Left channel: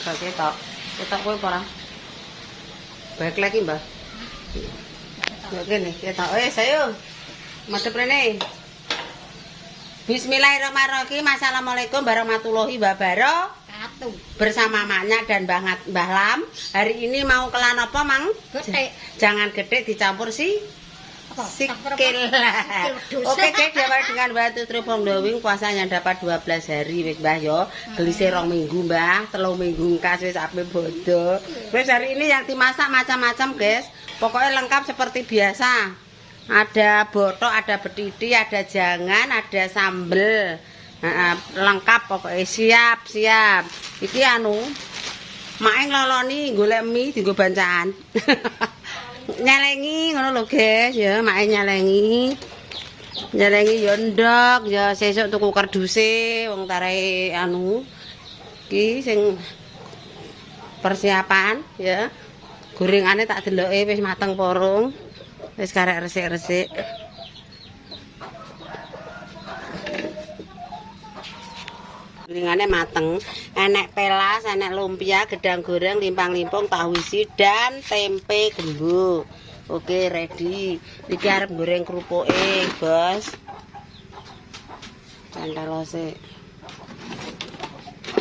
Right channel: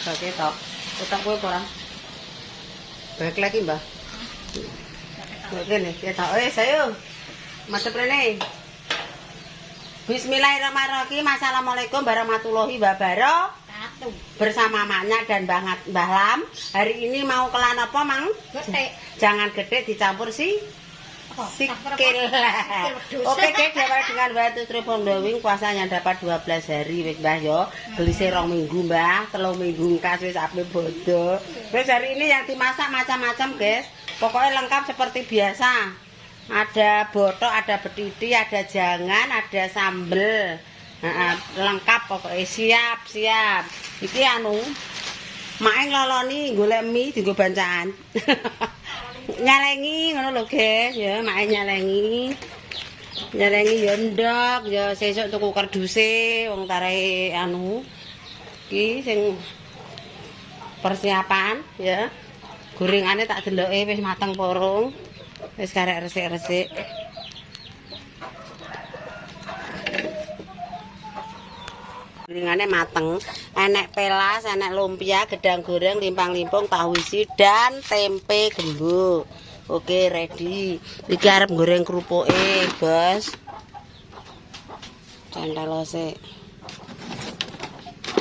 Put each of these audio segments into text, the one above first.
Gak ketok. Ketok kowe apa ora? Balik lagi, Mbah. Oke nih, ketok. Sayo. Madhep rene. Bismillahirrahmanirrahim. Assalamualaikum warahmatullahi wabarakatuh. Bersama Maknya dan Mbah Lam. Hari ini mau kelan apa, Mang? Gede. Jangan gede dicampur sikil. Oke guys, dimulai dengan batu tripong dowing. Puasanya dapat 12 hari wis Mbah yo. Gelise 2 minggu Mbah, 3 minggu kas wis ape bodo. Wis hari ini yang dimasak macam-macam guys. Pokoknya lengkap seperti biasa. Ada botok, ada betiti, ada jangan, ada sambel. Lengkap pokoknya siap. Iki anu Mak ngloloni golek mie dienggo bancaan. Nyalengi ngono lho guys ya, mak nyalengi ya ndok ya sesuk tuku kerduse wong tarai anu iki sing persiapan ya. Gorengane tak deloke wis mateng porong. Wis karek resik-resik. Gorengane mateng, enek pelas, enek lumpia, gedang goreng, limpang-limpung, tahu isi dan tempe gembuk. Oke, ready. Iki arep goreng kerupuke, Bos. Cantelose.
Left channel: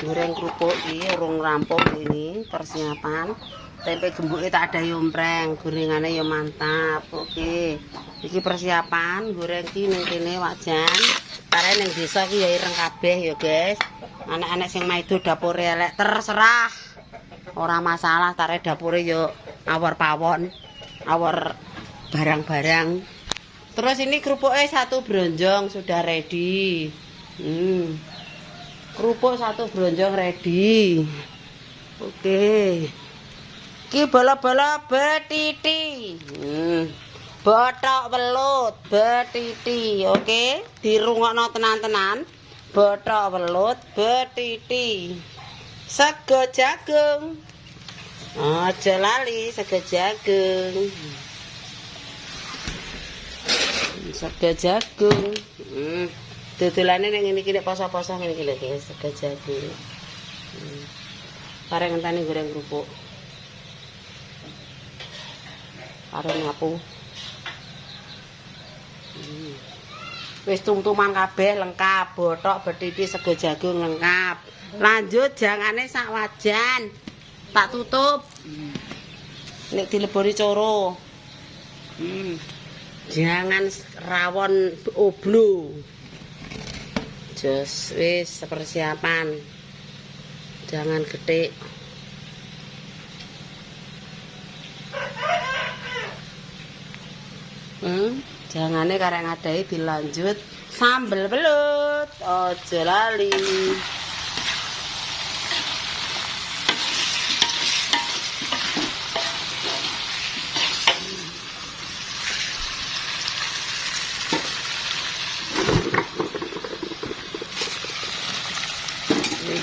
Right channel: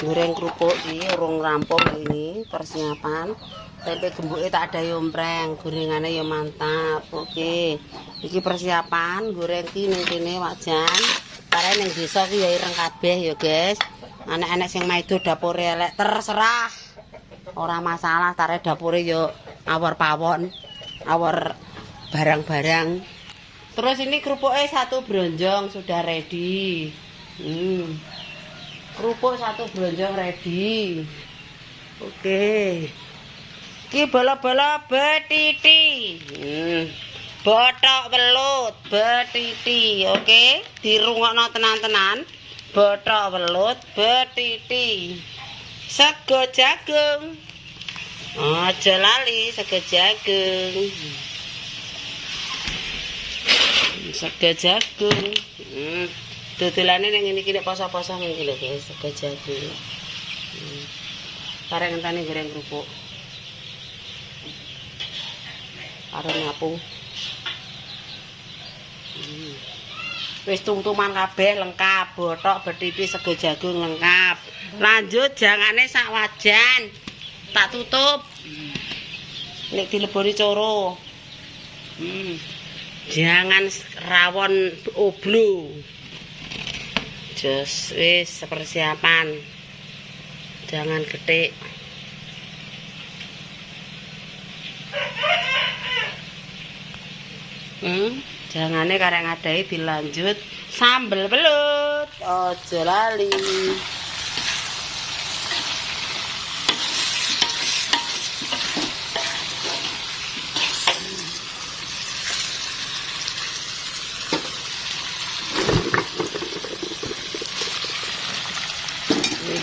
Goreng kerupuk iki urung rampung ini persiapan. Tempe gembuke tak ada yompreng, gorengane ya mantap. Oke. Iki persiapan goreng iki ning kene wajan. Kare ning desa ku ya ireng kabeh ya, guys. Anak-anak sing maido dapure elek terserah. Ora masalah, tare dapure yo awor pawon, awor barang-barang. Terus ini kerupuknya 1 bronjong sudah ready. Kerupuk 1 bronjong ready. Oke. Iki bola-bola betiti. Botok welut betiti. Oke, dirungokno tenan-tenan. Botok welut betiti. Sego jagung. Aja lali sego jagung. Sego jagung. Dodolane ning ngene iki nek poso-poso ngene iki lho guys, sego jagung. Kare ngenteni goreng kerupuk. Kare nyapu. Wis tumtuman kabeh lengkap, botok, betiti, sego jagung lengkap. Lanjut jangane sak wajan. Tak tutup. Nek dileboni coro. Jangan rawon oblo. Jos wis persiapan. Jangan gede. Jangane karek ngadahi dilanjut sambel belut. Aja lali.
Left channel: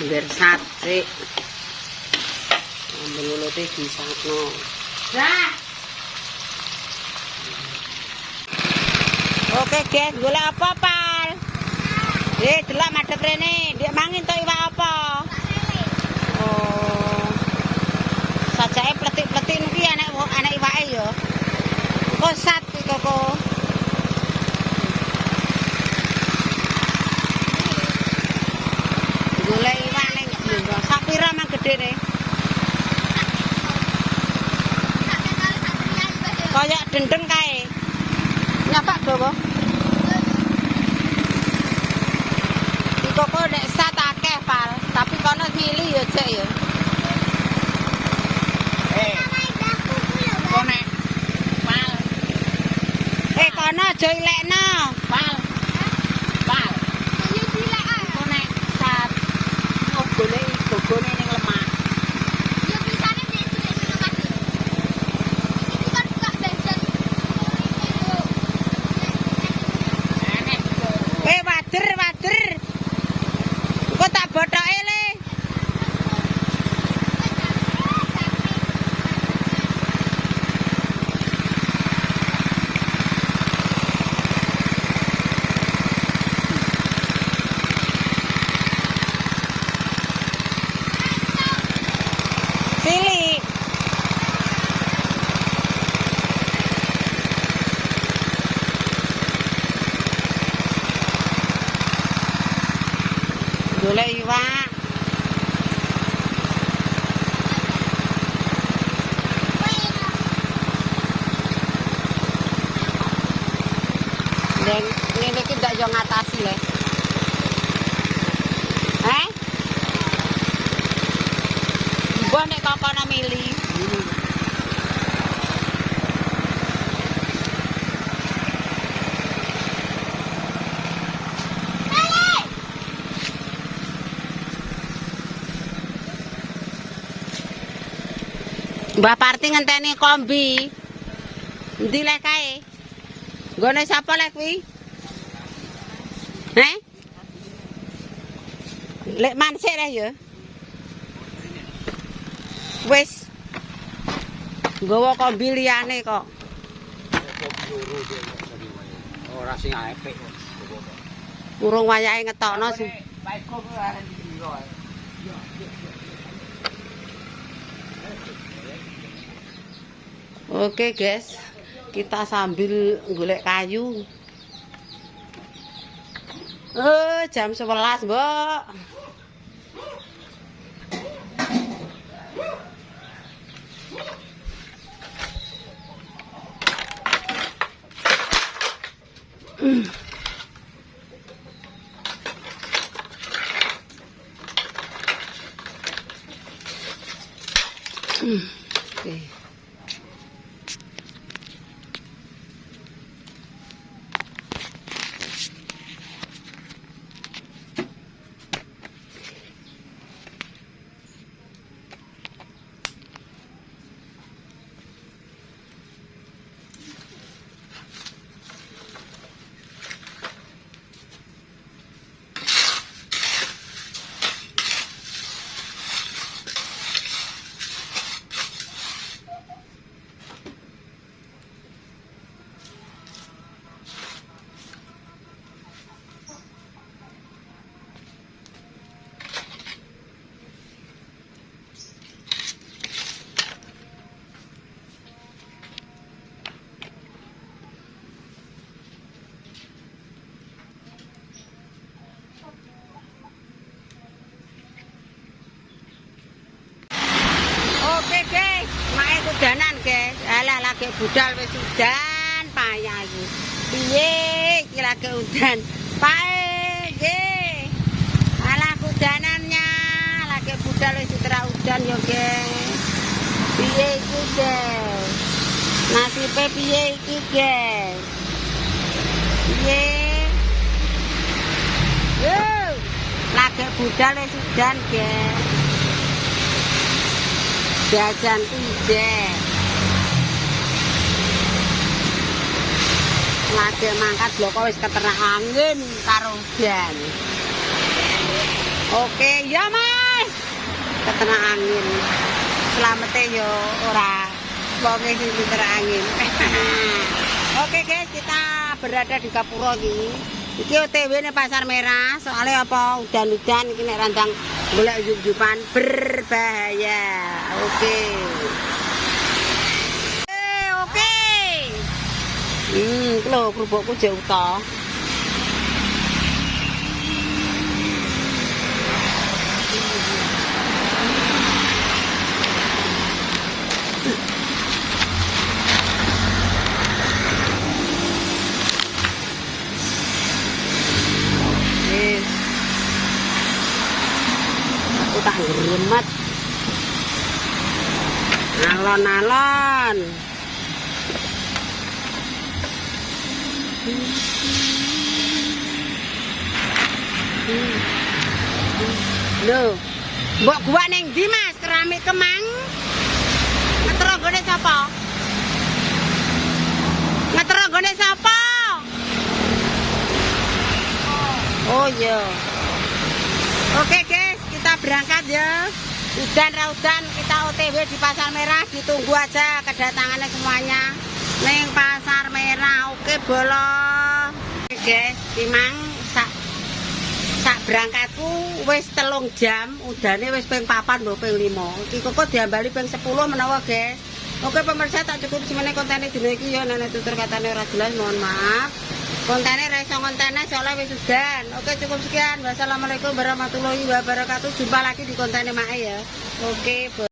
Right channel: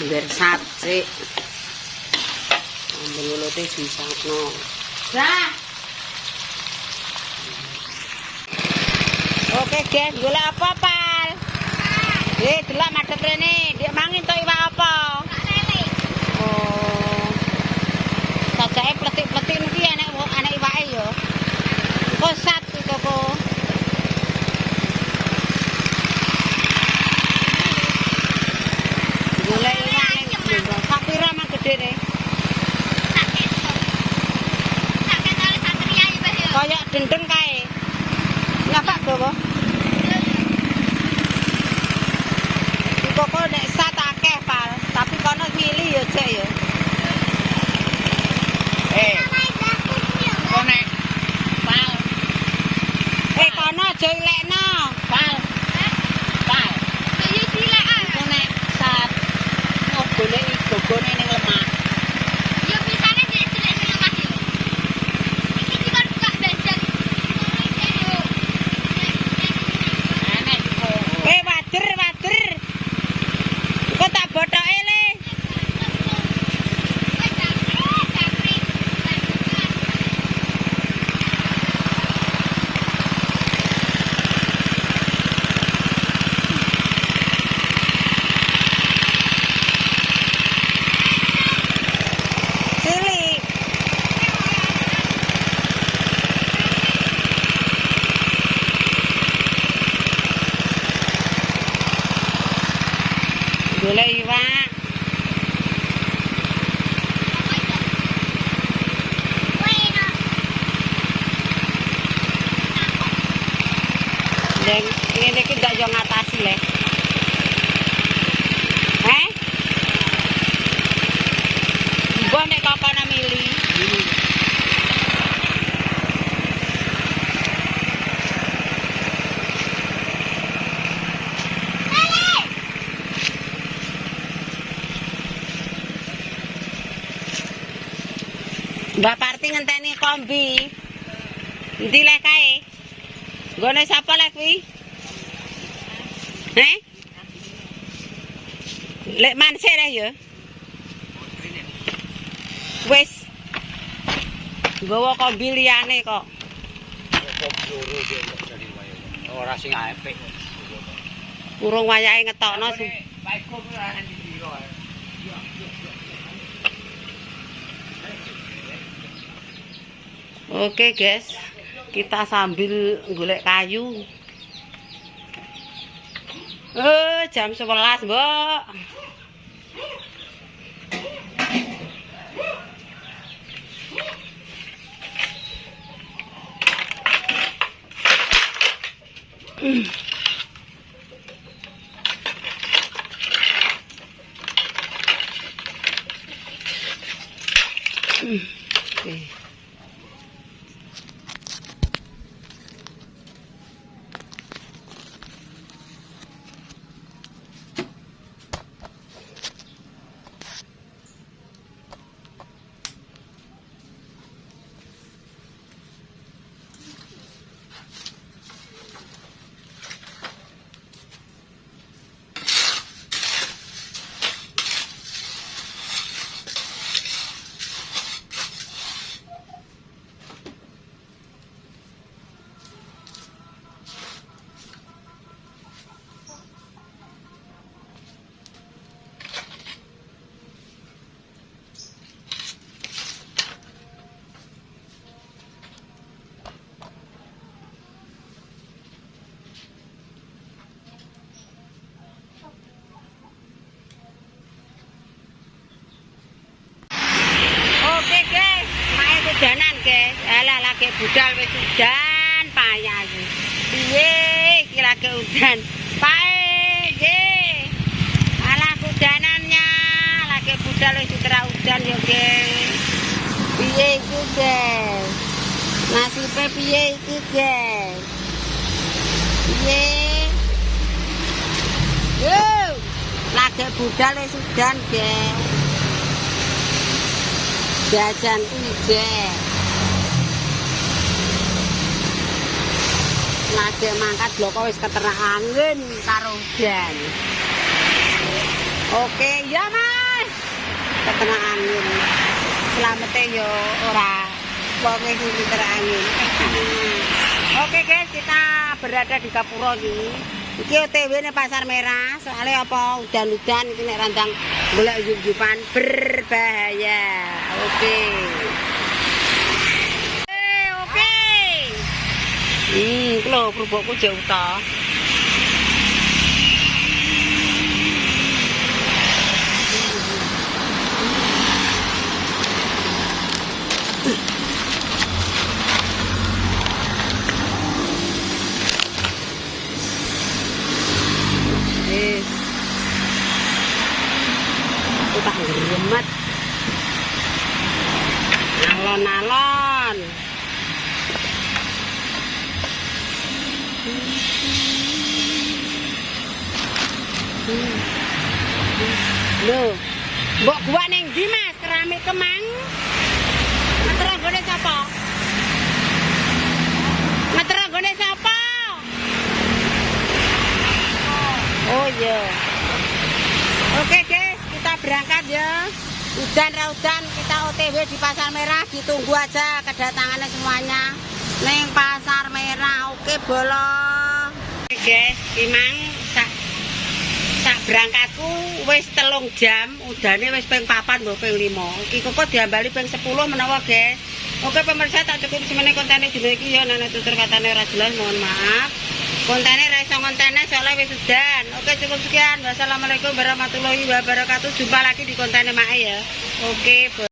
Biar sate. Sambel belute disapno. Dah. Oke guys, golek apa pal? Delok madhep rene, ndek mangin to iwak apa? Oh. Sajake pletik-pletik niki anak iwake ya. Engko sat iki koko. Golek iwak ning Blenggo. Sak pira mang gedene? Kayak dendeng kae. Nyapak gawa. Koko nek sat akeh pal, tapi kono milih ya Dek ya. Kono pal. Kono aja ilekno. Pal. Ya dilekan. Kono sat. Golek gogone ning lemah. Ya pisane nek dilek ning lemah yo. Iki kan gak besan. Wader. Kok tak botoke le. iwak. Dan ngene iki ndak yo ngatasi le. Mbah nek kakana mili. Mbak Parti ngenteni kombi. Endi lek kae? Nggone sapa lek kuwi? Lek mansik ra ya? Wis. Nggawa kombi liyane kok. Ora sing apik. Urung wayahe ngetokno sih. Oke guys, kita sambil golek kayu. Jam 11, Mbok. Oke. Oke guys, mae udanan guys. Alah lagi budal wis udan payah iki. Piye iki lagi udan. Pae nggih. Alah udanannya lagi budal wis diterah udan yo guys. Piye iki guys? Nasibe piye iki guys? Piye? Lagi budal wis udan guys. Jajan udah lagi mangkat bloko wis keternak angin karo udan. Oke ya mas, keternak angin selamete yo ora wonge sing keternak angin. Oke guys, kita berada di Gapura iki OTW nih Pasar Merah, soalnya apa udan-udan iki nek randang golek yup-yupan berbahaya. Oke. Oke. Iki lho kerupukku jek uta. Tak geremet alon-alon. Loh, mbok gua ning ndi Mas? Keramik Kemang. Ngeteronggone sapa? Ngeteronggone sapa? Oh iya. Oke guys, kita berangkat ya. Udan kita OTW di Pasar Merah, ditunggu aja kedatangannya semuanya neng Pasar Merah. Oke bolo. Oke guys, memang sak berangkatku wis 3 jam, udane wis ping 4 mbok ping 5. Iki kok diambali ping 10 menawa guys. Oke pemirsa, tak cukup semene kontene dina iki ya, nek tutur katane ora jelas mohon maaf. Kontennya ra iso kontennya soalnya wis udan. Oke, cukup sekian. Wassalamualaikum warahmatullahi wabarakatuh. Jumpa lagi di kontennya Mae ya. Oke,